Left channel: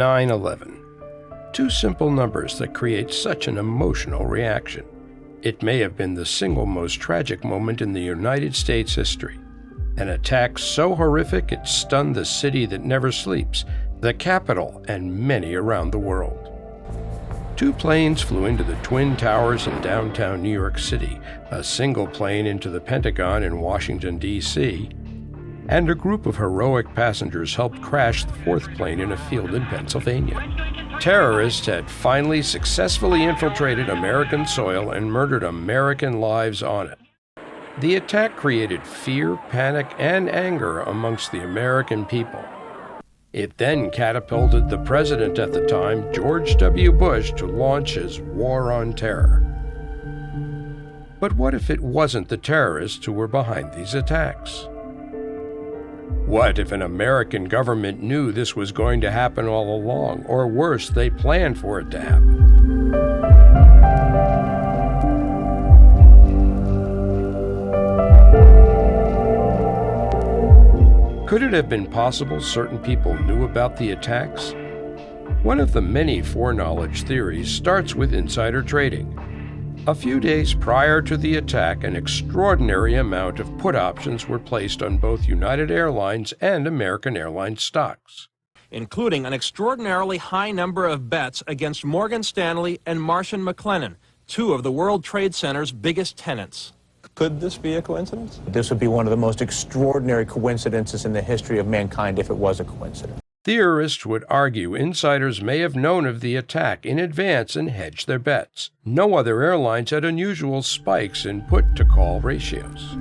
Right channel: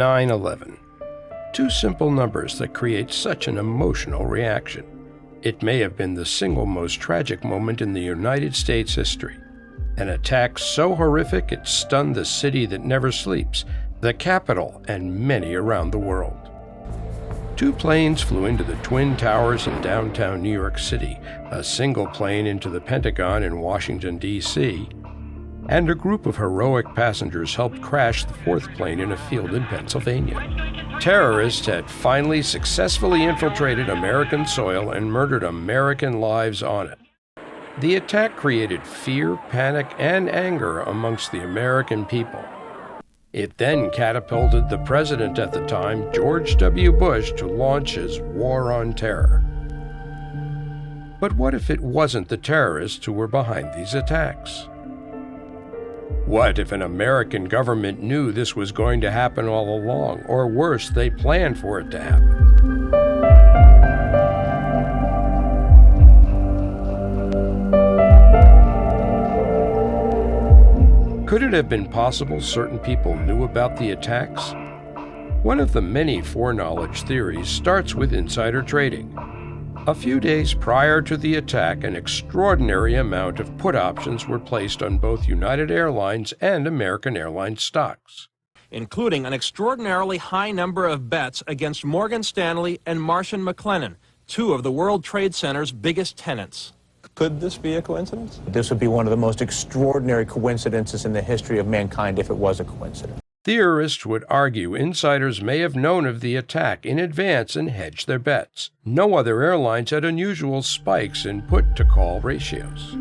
9/11. Two simple numbers that create such an emotional reaction. It may have been the single most tragic moment in the United States history. An attack so horrific it stunned the city that never sleeps, the capital, and many around the world. Two planes flew into the Twin Towers in downtown New York City, a single plane into the Pentagon in Washington, D.C., and a group of heroic passengers helped crash the fourth plane in a field in Pennsylvania. Terrorists had finally successfully infiltrated American soil and murdered American lives on it. The attack created fear, panic, and anger amongst the American people. It then catapulted the president at the time, George W. Bush, to launch his war on terror. But what if it wasn't the terrorists who were behind these attacks? What if an American government knew this was going to happen all along, or worse, they planned for it to happen? Could it have been possible certain people knew about the attacks? One of the many foreknowledge theories starts with insider trading. A few days prior to the attack, an extraordinary amount of put options were placed on both United Airlines and American Airlines stocks, including an extraordinarily high number of bets against Morgan Stanley and Marsh & McLennan, two of the World Trade Center's biggest tenants. Could this be a coincidence? This would be one of the most extraordinary coincidences in the history of mankind if it was a coincidence. Theorists would argue insiders may have known of the attack in advance and hedged their bets. No other airlines had unusual spikes in put-to-call ratios.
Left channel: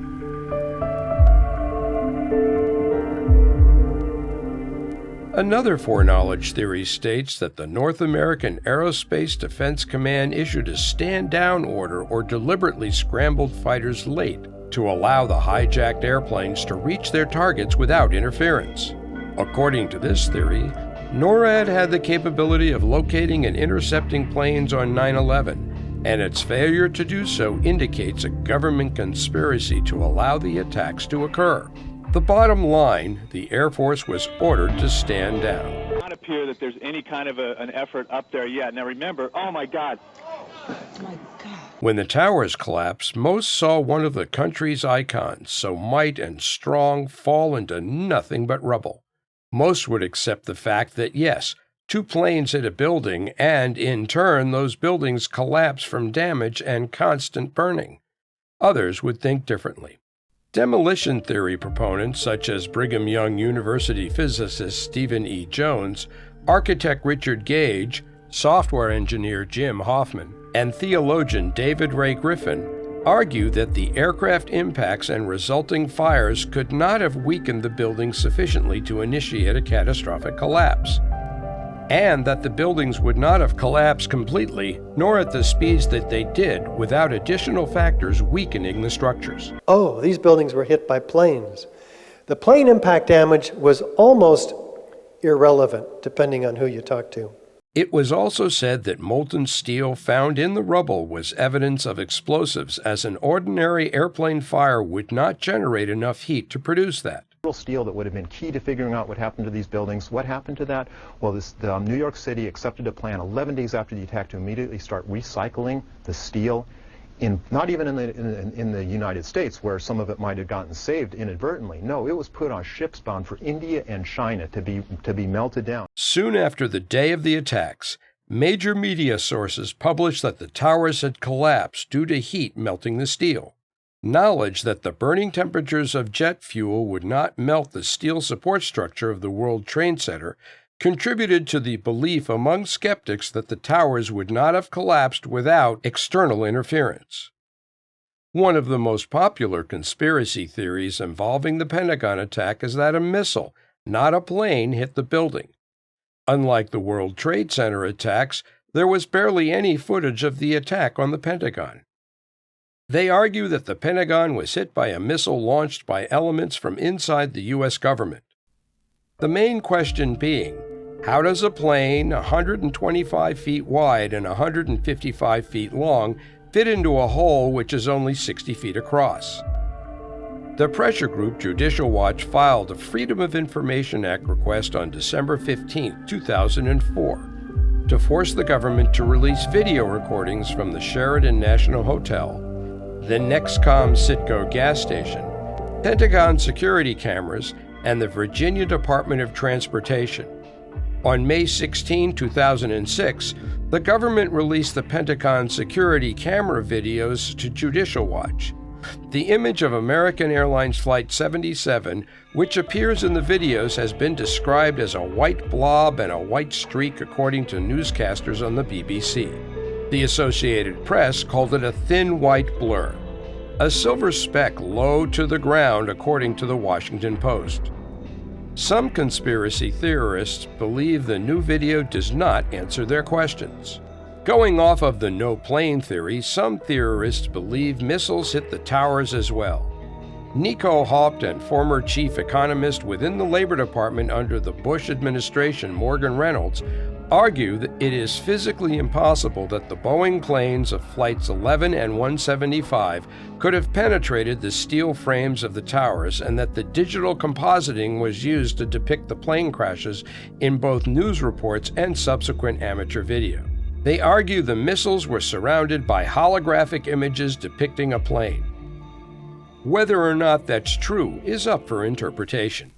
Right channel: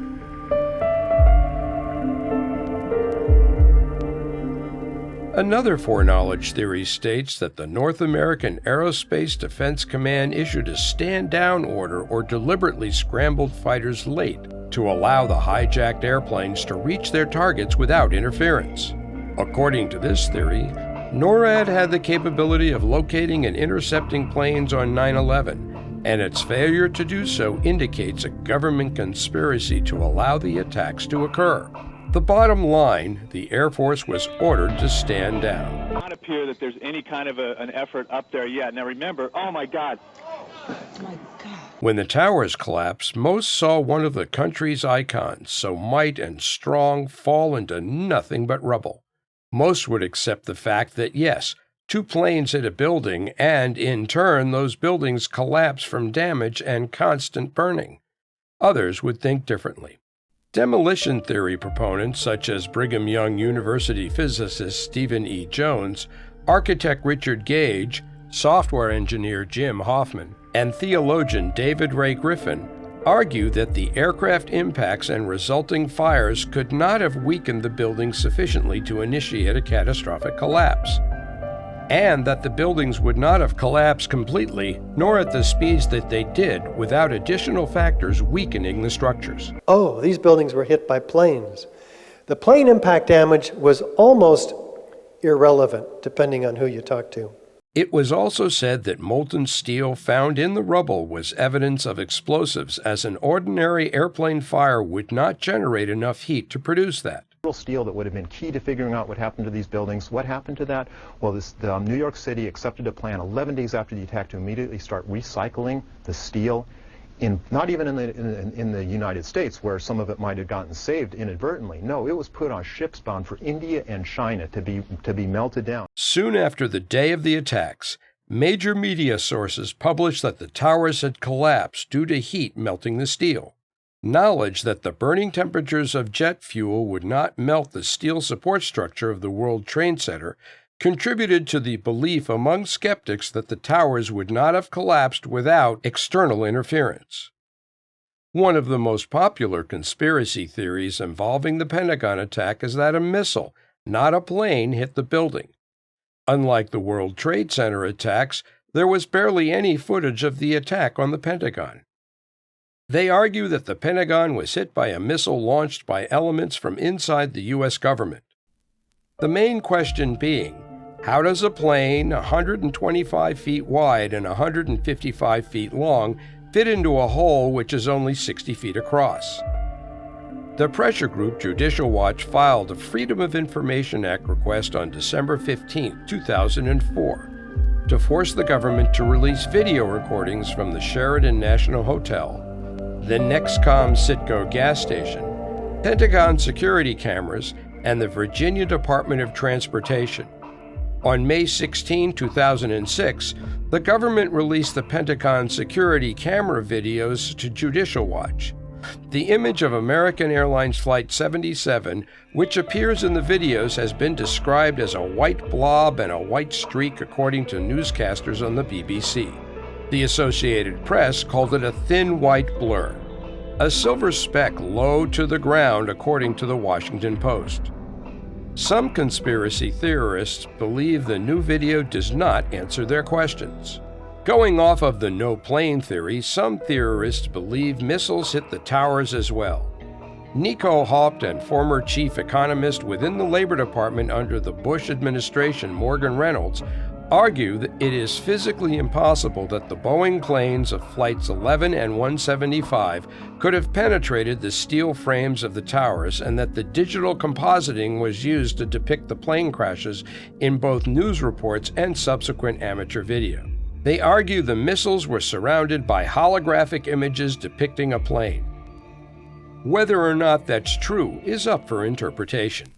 Another foreknowledge theory states that the North American Aerospace Defense Command issued a stand-down order or deliberately scrambled fighters late to allow the hijacked airplanes to reach their targets without interference. According to this theory, NORAD had the capability of locating and intercepting planes on 9/11, and its failure to do so indicates a government conspiracy to allow the attacks to occur. The bottom line, the Air Force was ordered to stand down. It does not appear that there's any kind of an effort up there yet. Now remember, oh my God. When the towers collapsed, most saw one of the country's icons, so might and strong, fall into nothing but rubble. Most would accept the fact that, yes, two planes hit a building and, in turn, those buildings collapsed from damage and constant burning. Others would think differently. Demolition theory proponents such as Brigham Young University physicist Stephen E. Jones, architect Richard Gage, software engineer Jim Hoffman, and theologian David Ray Griffin argue that the aircraft impacts and resulting fires could not have weakened the building sufficiently to initiate a catastrophic collapse, and that the buildings would not have collapsed completely, nor at the speeds that they did, without additional factors weakening the structures. Oh, these buildings were hit by planes. The plane impact damage was almost irrelevant, depending on who you talk to. It was also said that molten steel found in the rubble was evidence of explosives, as an ordinary airplane fire would not generate enough heat to produce that. Steel that would have been key to figuring out what happened to these buildings. What happened to that? Well, New York City accepted a plan 11 days after the attack to immediately start recycling the steel, not even in the United States, where some of it might have gotten saved inadvertently. No, it was put on ships bound for India and China to be melted down. Soon after the day of the attacks, major media sources published that the towers had collapsed due to heat melting the steel. Knowledge that the burning temperatures of jet fuel would not melt the steel support structure of the World Trade Center contributed to the belief among skeptics that the towers would not have collapsed without external interference. One of the most popular conspiracy theories involving the Pentagon attack is that a missile, not a plane, hit the building. Unlike the World Trade Center attacks, there was barely any footage of the attack on the Pentagon. They argue that the Pentagon was hit by a missile launched by elements from inside the U.S. government. The main question being, how does a plane 125 feet wide and 155 feet long fit into a hole which is only 60 feet across? The pressure group Judicial Watch filed a Freedom of Information Act request on December 15, 2004, to force the government to release video recordings from the Sheraton National Hotel, the Nexcom Citgo gas station, Pentagon security cameras, and the Virginia Department of Transportation. On May 16, 2006, the government released the Pentagon security camera videos to Judicial Watch. The image of American Airlines Flight 77, which appears in the videos, has been described as a white blob and a white streak according to newscasters on the BBC. The Associated Press called it a thin white blur, a silver speck low to the ground according to the Washington Post. Some conspiracy theorists believe the new video does not answer their questions. Going off of the no plane theory, some theorists believe missiles hit the towers as well. Nico Haupten, former chief economist within the Labor Department under the Bush administration, Morgan Reynolds, argue that it is physically impossible that the Boeing planes of Flights 11 and 175 could have penetrated the steel frames of the towers, and that the digital compositing was used to depict the plane crashes in both news reports and subsequent amateur video. They argue the missiles were surrounded by holographic images depicting a plane. Whether or not that's true is up for interpretation.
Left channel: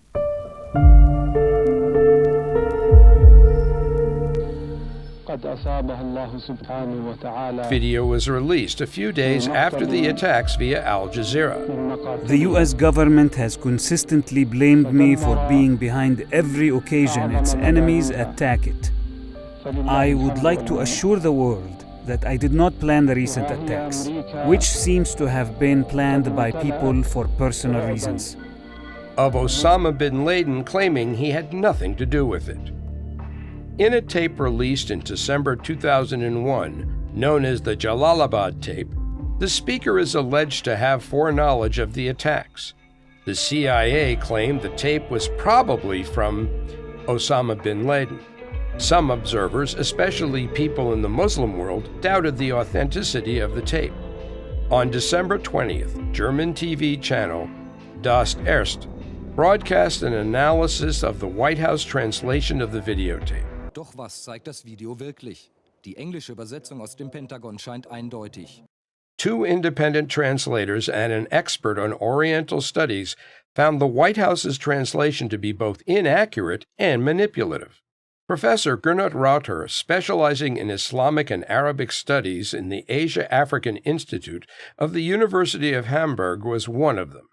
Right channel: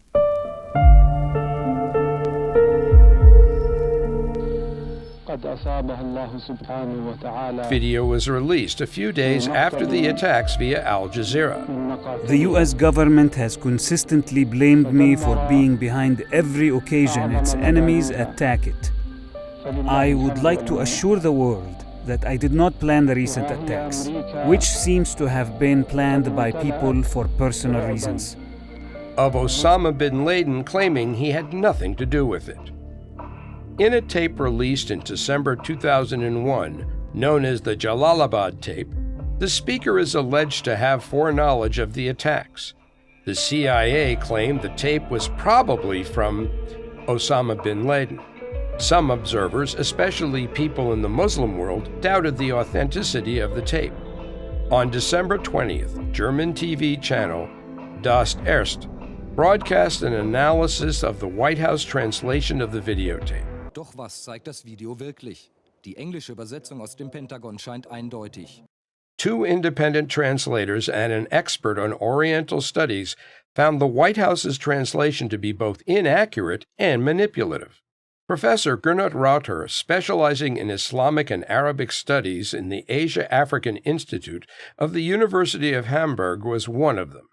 Video was released a few days after the attacks via Al Jazeera. The U.S. government has consistently blamed me for being behind every occasion its enemies attack it. I would like to assure the world that I did not plan the recent attacks, which seems to have been planned by people for personal reasons. Of Osama bin Laden claiming he had nothing to do with it. In a tape released in December 2001, known as the Jalalabad tape, the speaker is alleged to have foreknowledge of the attacks. The CIA claimed the tape was probably from Osama bin Laden. Some observers, especially people in the Muslim world, doubted the authenticity of the tape. On December 20th, German TV channel Das Erste broadcast an analysis of the White House translation of the videotape. Doch was zeigt das Video wirklich? Die englische Übersetzung aus dem Pentagon scheint eindeutig. Two independent translators and an expert on Oriental studies found the White House's translation to be both inaccurate and manipulative. Professor Gernot Rauter, specializing in Islamic and Arabic studies in the Asia-African Institute of the University of Hamburg, was one of them.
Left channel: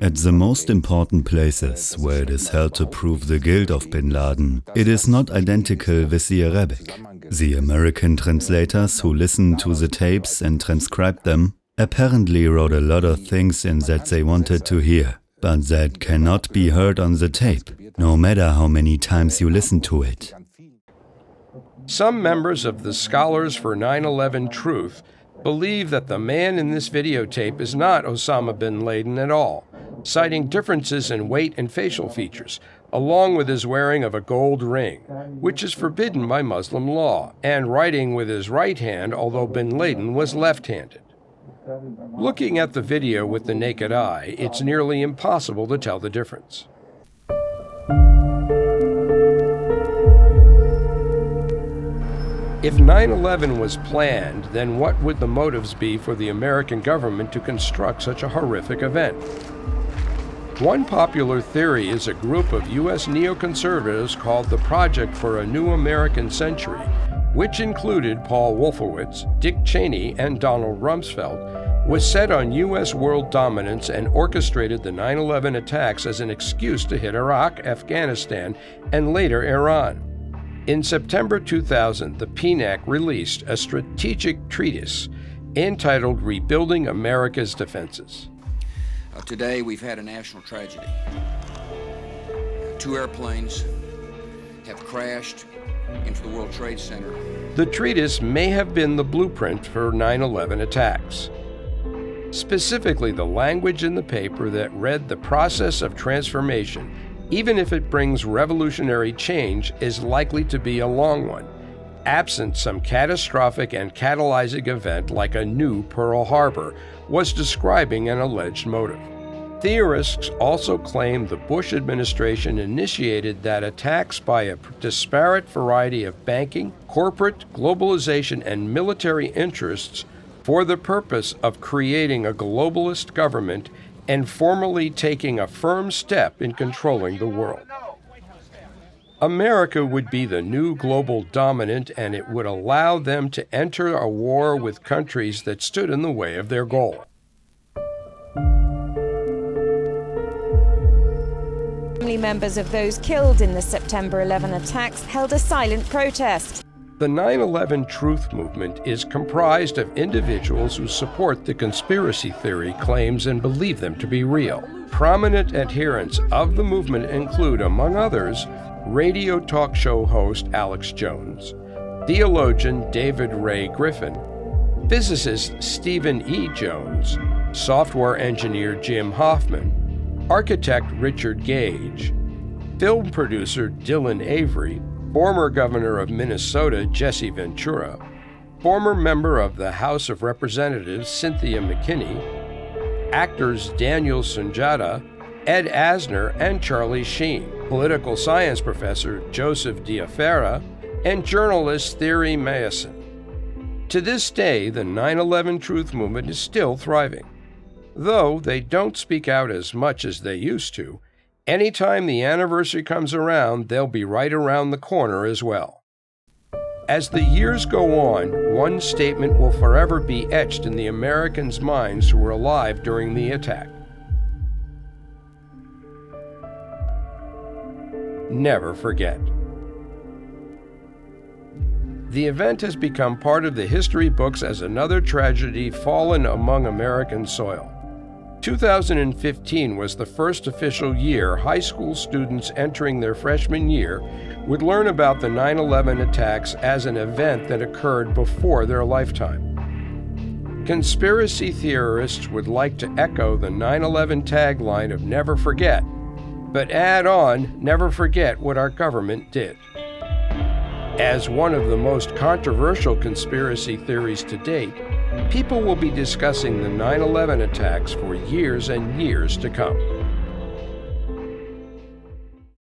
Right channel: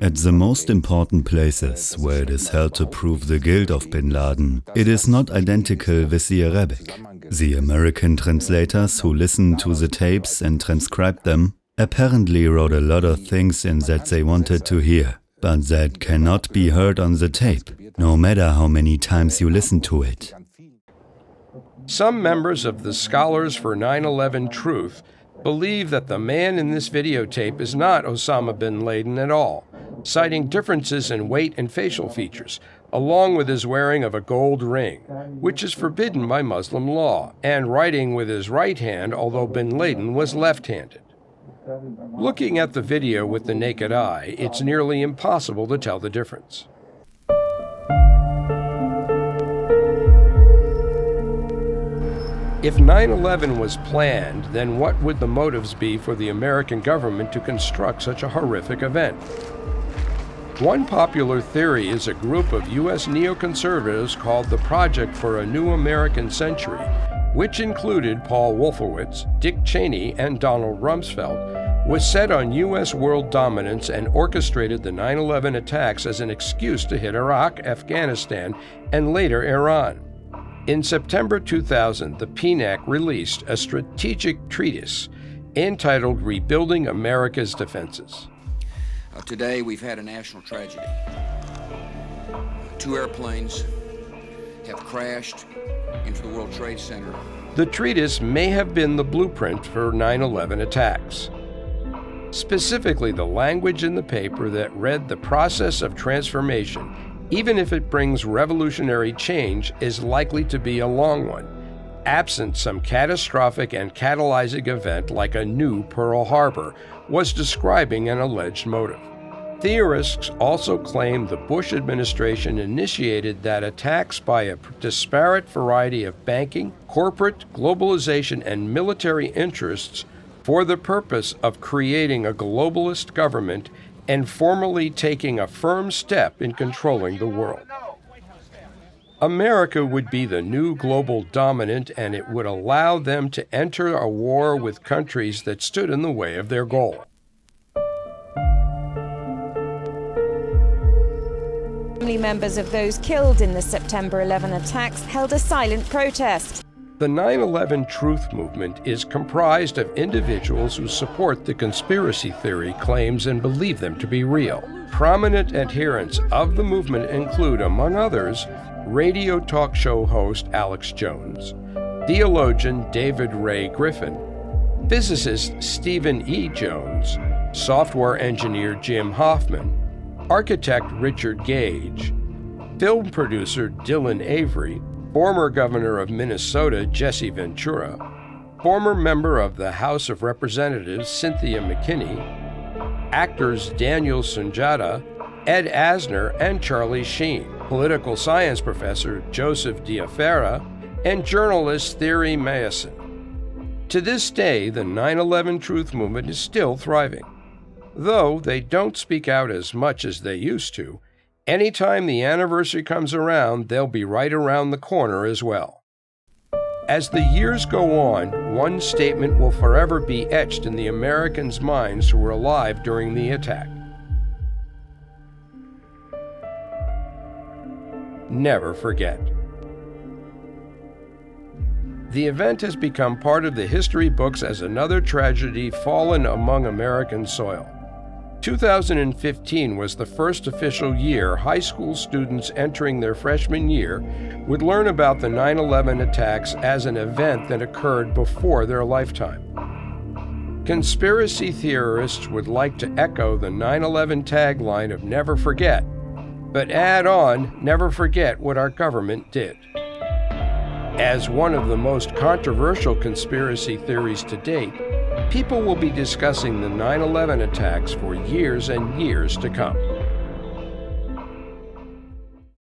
At the most important places where it is held to prove the guilt of bin Laden, it is not identical with the Arabic. The American translators who listened to the tapes and transcribed them apparently wrote a lot of things in that they wanted to hear, but that cannot be heard on the tape, no matter how many times you listen to it. Some members of the Scholars for 9/11 Truth believe that the man in this videotape is not Osama bin Laden at all, citing differences in weight and facial features, along with his wearing of a gold ring, which is forbidden by Muslim law, and writing with his right hand, although bin Laden was left-handed. Looking at the video with the naked eye, it's nearly impossible to tell the difference. If 9/11 was planned, then what would the motives be for the American government to construct such a horrific event? One popular theory is a group of U.S. neoconservatives called the Project for a New American Century, which included Paul Wolfowitz, Dick Cheney, and Donald Rumsfeld, was set on U.S. world dominance and orchestrated the 9/11 attacks as an excuse to hit Iraq, Afghanistan, and later Iran. In September 2000, the PNAC released a strategic treatise entitled Rebuilding America's Defenses. Today, we've had a national tragedy. Two airplanes have crashed into the World Trade Center. The treatise may have been the blueprint for 9/11 attacks. Specifically, the language in the paper that read the process of transformation, even if it brings revolutionary change, is likely to be a long one, absent some catastrophic and catalyzing event like a new Pearl Harbor, was describing an alleged motive. Theorists also claim the Bush administration initiated that attacks by a disparate variety of banking, corporate, globalization, and military interests for the purpose of creating a globalist government and formally taking a firm step in controlling the world. America would be the new global dominant, and it would allow them to enter a war with countries that stood in the way of their goal. Family members of those killed in the September 11 attacks held a silent protest. The 9/11 Truth Movement is comprised of individuals who support the conspiracy theory claims and believe them to be real. Prominent adherents of the movement include, among others, radio talk show host Alex Jones, theologian David Ray Griffin, physicist Stephen E. Jones, software engineer Jim Hoffman, architect Richard Gage, film producer Dylan Avery, former governor of Minnesota Jesse Ventura, former member of the House of Representatives Cynthia McKinney, actors Daniel Sunjata, Ed Asner, and Charlie Sheen, political science professor Joseph Diafara, and journalist Thierry Mayeson. To this day, the 9/11 Truth Movement is still thriving. Though they don't speak out as much as they used to, anytime the anniversary comes around, they'll be right around the corner as well. As the years go on, one statement will forever be etched in the Americans' minds who were alive during the attack. Never forget. The event has become part of the history books as another tragedy fallen among American soil. 2015 was the first official year high school students entering their freshman year would learn about the 9/11 attacks as an event that occurred before their lifetime. Conspiracy theorists would like to echo the 9/11 tagline of never forget, but add on, never forget what our government did. As one of the most controversial conspiracy theories to date, people will be discussing the 9/11 attacks for years and years to come.